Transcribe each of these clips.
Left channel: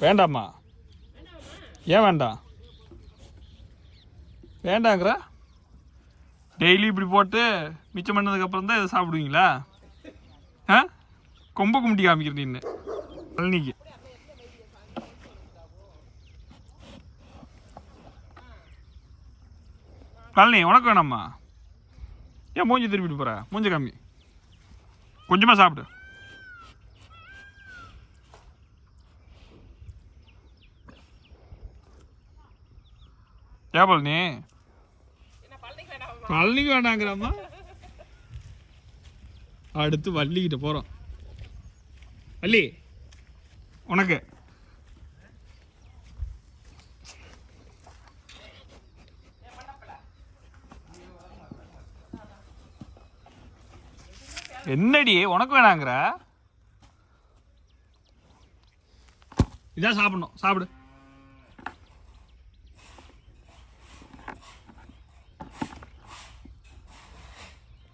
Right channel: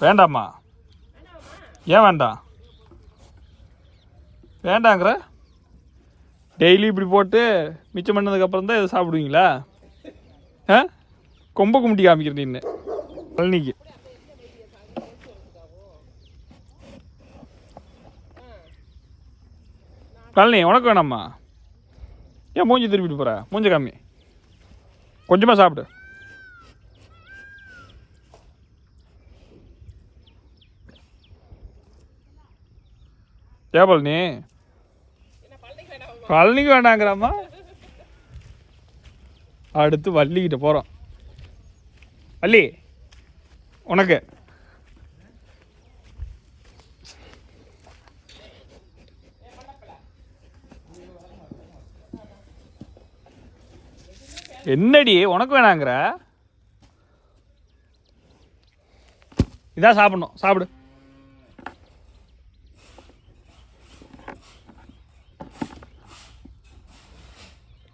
வேண்டாம்மா. ஏன் வேண்டாம்? வேண்டாங்கிற? டெய்லி இப்படி போட்டு மிச்சம் பண்ணதுக்கப்புறம் தான் இதை சாப்பிடுவீங்களா? ஆ? கொம்ப கும்பிட்டி நின்று பழனிக்கு பழனி உனக்கு வேணாம்மா. ஏன் மூஞ்சி திருப்பிட்டு போற? மூஞ்ச காமி. கொஞ்சமாக சாப்பிடு. ஏன் பழனி? பழனிக்கு வேண்டாங்கிறாமா அடுத்து வள்ளிக்கிட்ட போகிறோம் வள்ளி உனக்கு. என்னடி உனக்கு வேணாங்கிற? இதான் சாப்பிடணும் சாப்பிடு.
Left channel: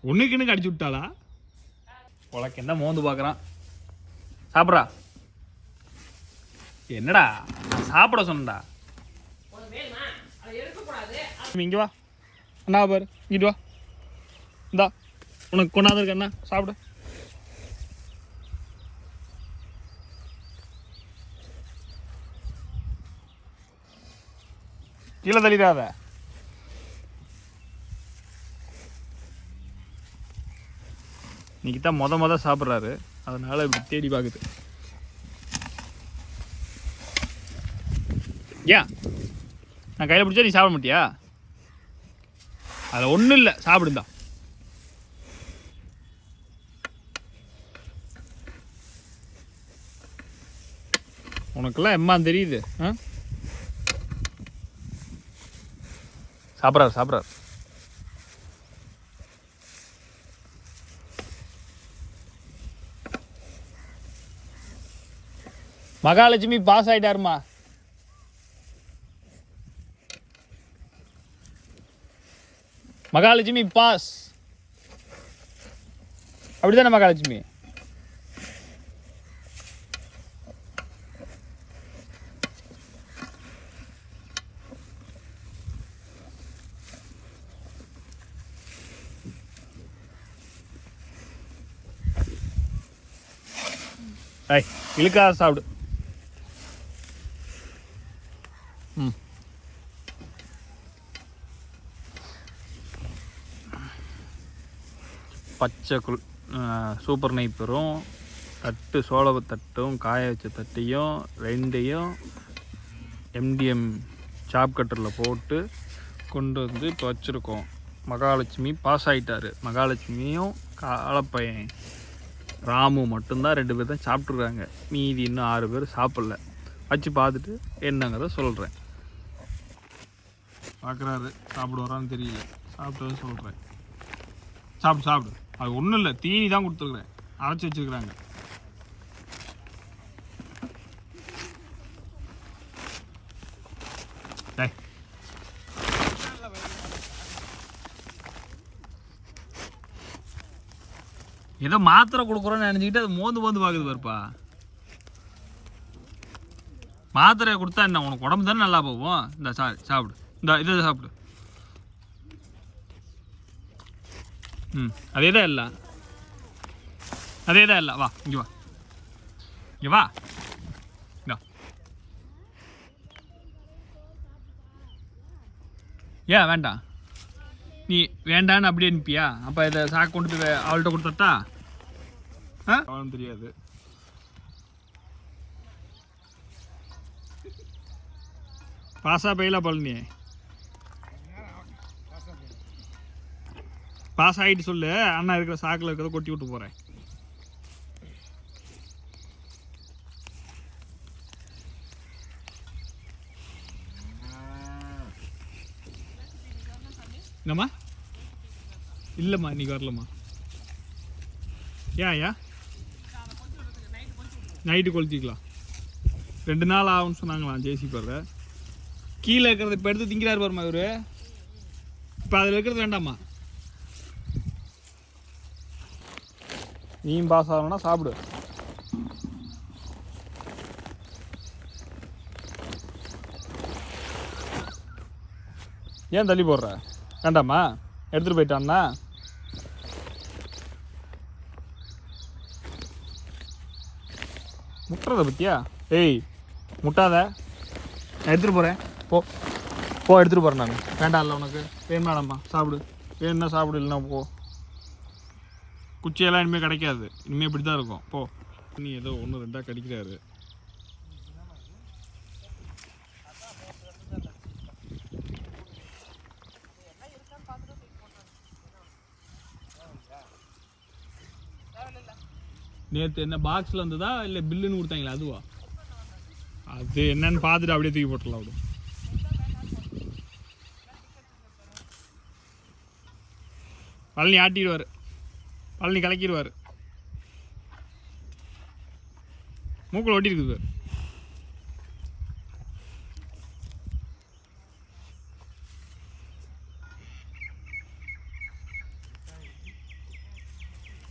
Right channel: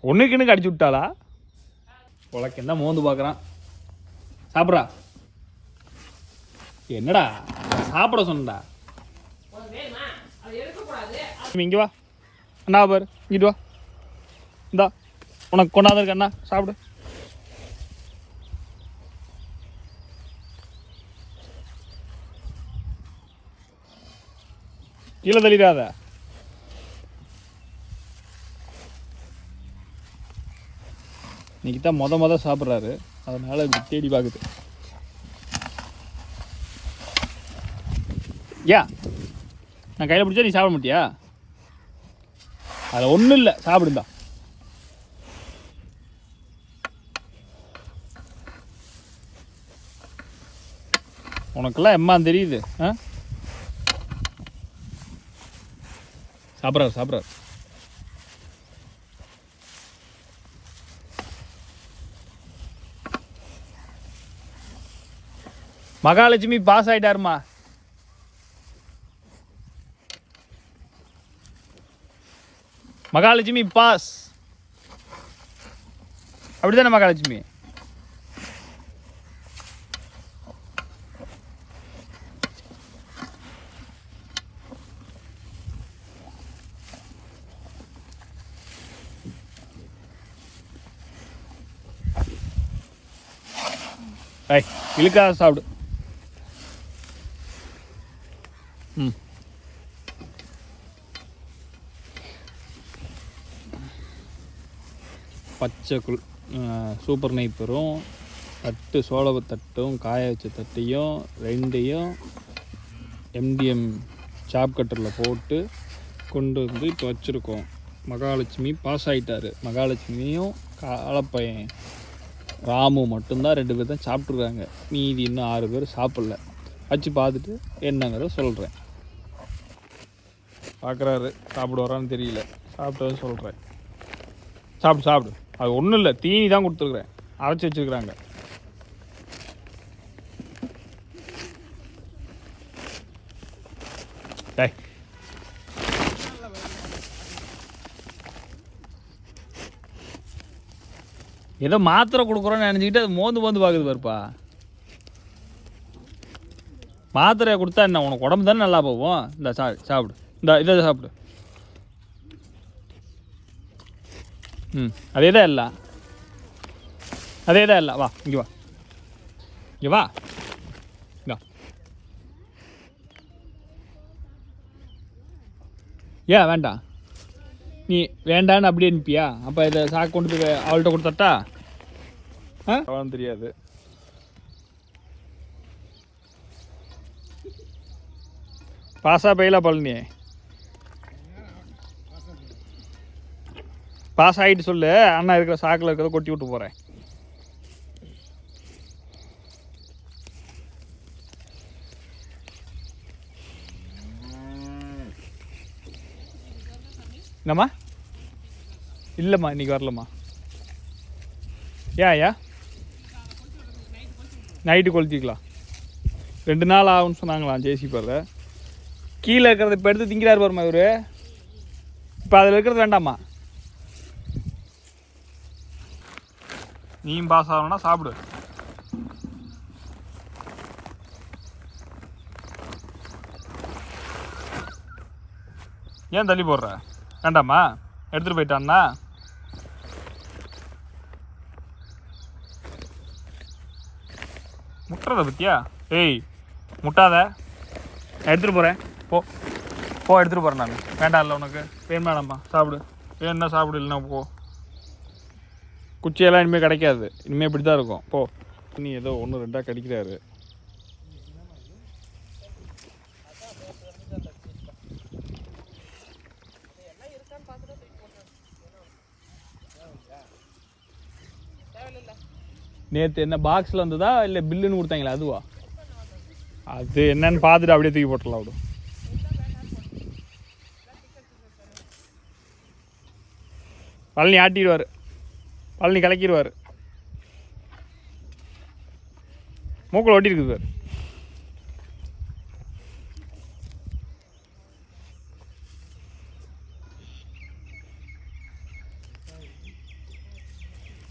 ஒண்ணுக்குன்னு கடிச்சு விட்டாளா? உனக்கு என்ன மோந்து பார்க்குறான் சாப்பிட்றா. என்னடா? சாப்பிட சொன்னடா இங்கே வா. அண்ணா பாரு. இங்கிட்டு வா. இந்தா உனக்கு கொண்டாந்துருக்க அண்ணா. சாப்பிடு. கீழே தள்ளிடாத. இன்னைக்கு தான் மொத மொதல் சாப்பிட்றாரு. அதனால் இப்படி தேடி பார்க்குது ஏன் நான் கையில் பிடிச்சா நீ சாப்பிட மாட்டியா? அதில் ஒன்றும் இல்லை சாப்பிடுந்தான் உனக்கெல்லாம் எம்மா தெரியுது ஆ? சாப்பிட்றாரு சாப்பிட்றாரு. மகாலட்சுமி பாஸ் ஆயிட்டாருமா? மகாலட்சுமி பாஸ். அப்படிதானே மகாலட்சுமி? இழுக்காத சாப்பிடு ம் பச்சை குள் சூப்பர் நைப்பரும் தட்டு சோளவு தட்டும் காய வச்ச தட்டையும் ரெண்டையும் எம்டிஎம் சாப் கட்டரில் போட்டு கொண்டு வந்து இப்போ வச்சுருக்கோம். மகாலட்சுமி பாஸ் ஆகிட்டார் மகாலட்சுமியும் காலப்பையன் ராமு மட்டும்தான் ரெண்டு பேர் தான் சாப்பிட்ருக்காங்க மீதி இன்னும் ஆறு பேர் சாப்பிடல. வச்சு பார்த்துட்டு என்னங்கிறத சொல்கிறேன் பார்க்குறாரு சாப்பிடுவாரான்னு தெரியல. சாப்பிட்டதே சொல்கிறேன் சாப்பிடு சாப்பிடு. அது ஒன்றும் இல்லை. தீனி தான் கொடுத்துருக்குறேன். அரைச்சி வச்சுருக்குறாங்க. ஏதோ மாத்திரை கொடுக்குறோன்னு நினச்சிக்கிட்டு அது மோந்து மோந்து பார்க்குது பாருப்பா. மாத்திரையை கொடுத்தா என்ன உனக்கு உடம்பு தானே நல்லா போகும்? இந்த சா சாப்பிடு. இந்த இதை சாப்பிடு ம் அதே தான் எல்லாம் அதே தான் எல்லாம் வா இங்கே வா இங்கே வா இந்தா ஏன் வேண்டாம் நீ வேண்டான்னு அப்படியே அனுப்பியா அப்போ இதை சாக்கு கொண்டு போய் அவள்கிட்ட கொடுத்தட்டா ஆ தெரியாது பாஸா பயிலா பழனி பாஸ் ஆகிட்டு சொல்லு. அண்ணா இருக்கிற சாக்கில் இருக்கிறத கொட்டி விட்டு போகிறேன் என்னம்மா? இல்லைம்மா இன்னைக்கு வரலம்மா. ஏன் ஐயா? நைட்டு கொளுத்திக்கலாம். ரெண்டு நாள் ஆகும்னு சொன்னாங்களாம் ஜேசி பாரு. கீழே இருக்கிறத இப்போ எடுத்து திங்கிறாரு பாருமா இவரு. இப்போ அதில் இருக்கிறது வேண்டாமா நீயும் பாஸ் ஆகணும்னா சாப்பிடு. ஏன் தள்ளி போடுற? வேண்டாமா? எடுத்துட்டு போயிட்டான்னா? முட்டுறத பற்றியா ஏய் முட்டாத. எடுத்துட்டு போறேன். போ. போ எடுத்துகிட்டு போறேன் நான். வேண்டாம் இல்லை உனக்கு. வேணுமாடாம்மா சாப்பிடு. வேணுன்னா சாப்பிடு இல்லைன்னா போ. குச்சியெல்லாம் இனிமேல் கிடைக்காது. இனிமேல் இப்படி தான் இருக்கும். போ. நீ ஏதோ ஒன்று ரெண்டாக கடிக்கிறாரு. நேற்று என்ன பாக்ஸில் வந்ததா? இல்லை பில்லுன்னு கொடுத்தாங்களா? அதுவா? அது என்னன்னு பார்த்துட்டு அப்படியே தூக்கி போட்டுடலாம் விடு. பழனி ஆட்டிடுவார். பழனி கலக்கிடுவார். மூக்கில் ஒட்டி இருக்குது சார்